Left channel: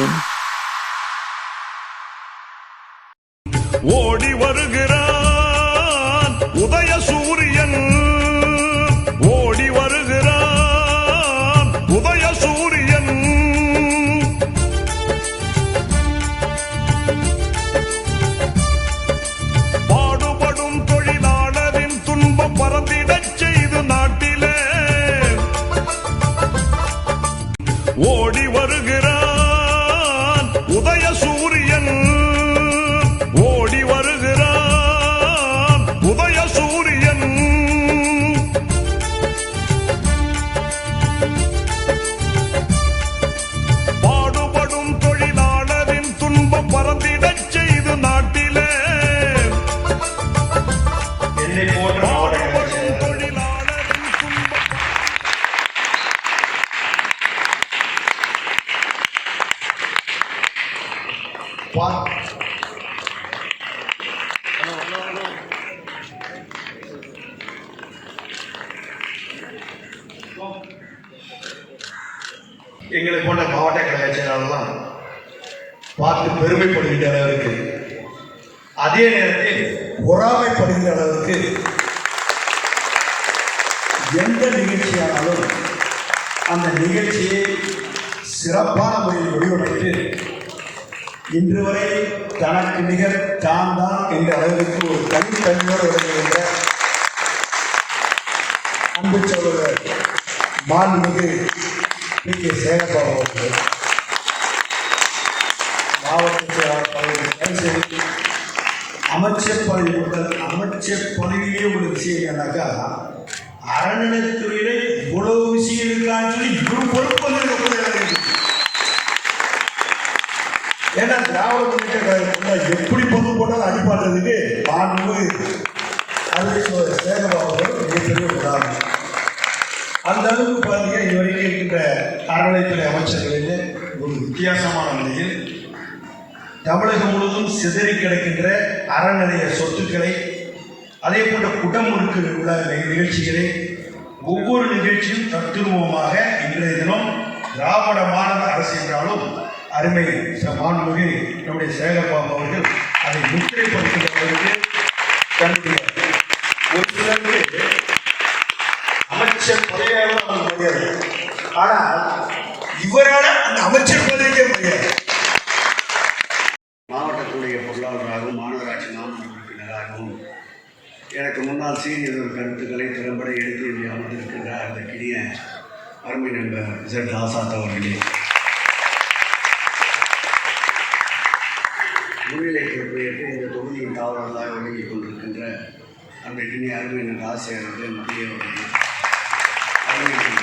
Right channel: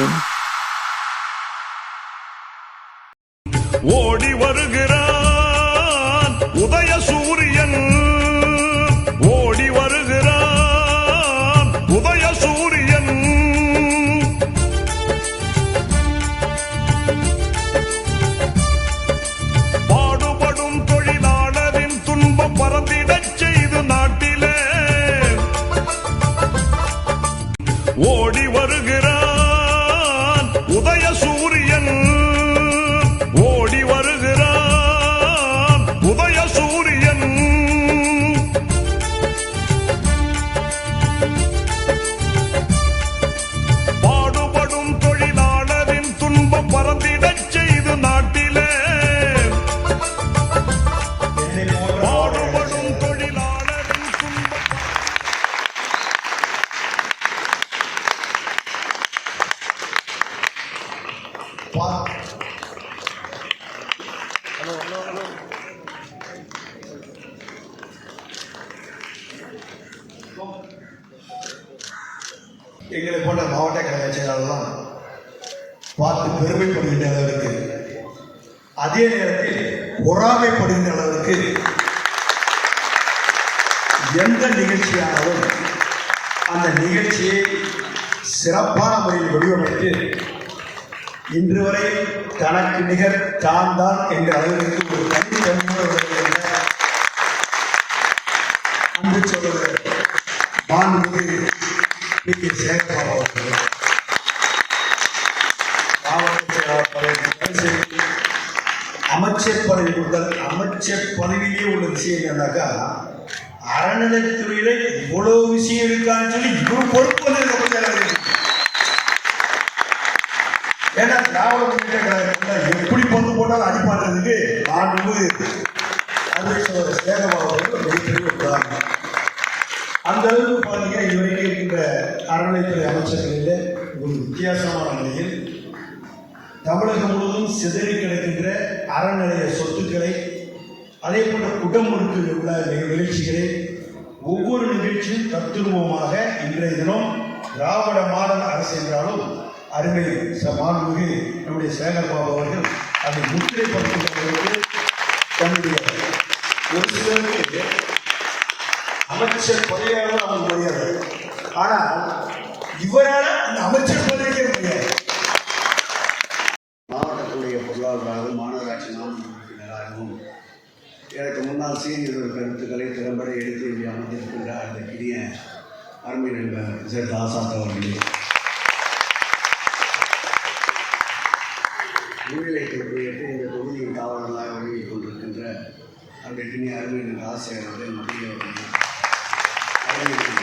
you. ஓடி வருகிறான் உதய சூரியன். ஓடி வருகிறான் உதய சூரியன். பாடுபடும் எங்களை போன்ற மாவட்ட கழக செயலாளர்லாம் பார்த்து பெருமைப்படுகின்ற அளவிற்கு அதே நேரத்தில் பொறாமைப்படுகின்ற அளவிற்கு எந்த நிகழ்ச்சியானாலும் அந்த நிகழ்ச்சியை சிறப்பான முறையில் வடிவமைத்து இன்று வரை தனக்கு நிகர் தான் தான் என்ற அளவிற்கு ஒரு தனித்தன்மையோடு விளங்குகின்ற அன்பு சகோதரர் மாண்புமிகு பி. கே. சேகர்பாபு அவர்கள். மாவட்ட அமைச்சர் பதவி முதல் அமைச்சர் பதவியிலே உள்ள விஷயம் என்னன்னாக்கா அறநிலைத்துறையில இவ்வளவு விஷயம் இருக்கான்னு சொல்லி இவ்வளவு பொறுப்பு ஏன்னா திராவிட முன்னேற்ற கழகத்தில் எப்படி பொண்ணு போட்டாலும் அடிப்பாடுறதுக்கு மாண்பு அருளேஸ்வரர் சேகபாபு மிகப்பெரிய உதாரணம். அந்த அளவுக்கு பாருங்க இதுவரைக்கும் இருக்கின்ற அறநிலைத்துறை அமைச்சர்களில் ஒரு வித்தியாசமான நிலையில் தமிழகம் முழுவதும் சிதறி கிடக்கின்ற அறநிலைய சொத்துக்களை அதே போன்ற குடமுறுக்கு உள்ள நிகழ்ச்சிகளை ஒவ்வொரு நிகழ்ச்சியும் தத்துருவமாக இன்றைய தினம் திராவிட மாடல் அரசு என்றாலும் அருமை ச- மாண்புமிகு நம்முடைய சேகர்பாபு அவர்கள் அதை முத்திரைப்படுத்துவதற்கு தன்னுடைய ஒரு சிலருக்கு அமைச்சர் பதவியாக அவங்க முடியாது. ஆனால் இவரால் அந்த அமைச்சர் பதவிக்கே முடியாது. மாவட்டத்துடைய பொருளாளராகவும் மாநகராட்சி மாநில உறுப்பினராகவும் எனக்கு முன்னால் சீனியர் கருத்துக்களை திறம்பட எடுத்து அமர்ந்திருக்கின்றார் அந்த கிணிய அருமை நண்பர் இசட் ஆசாத் அவர்களே. முன்னிலை பொறுப்பேற்று இந்த தொகுதியின் தாவரங்களாக விலகிக் கொண்டிருக்கின்ற அந்த அன்றைக்கு அருமை ஆசை அவர்கள் மத்திய அவர்கள்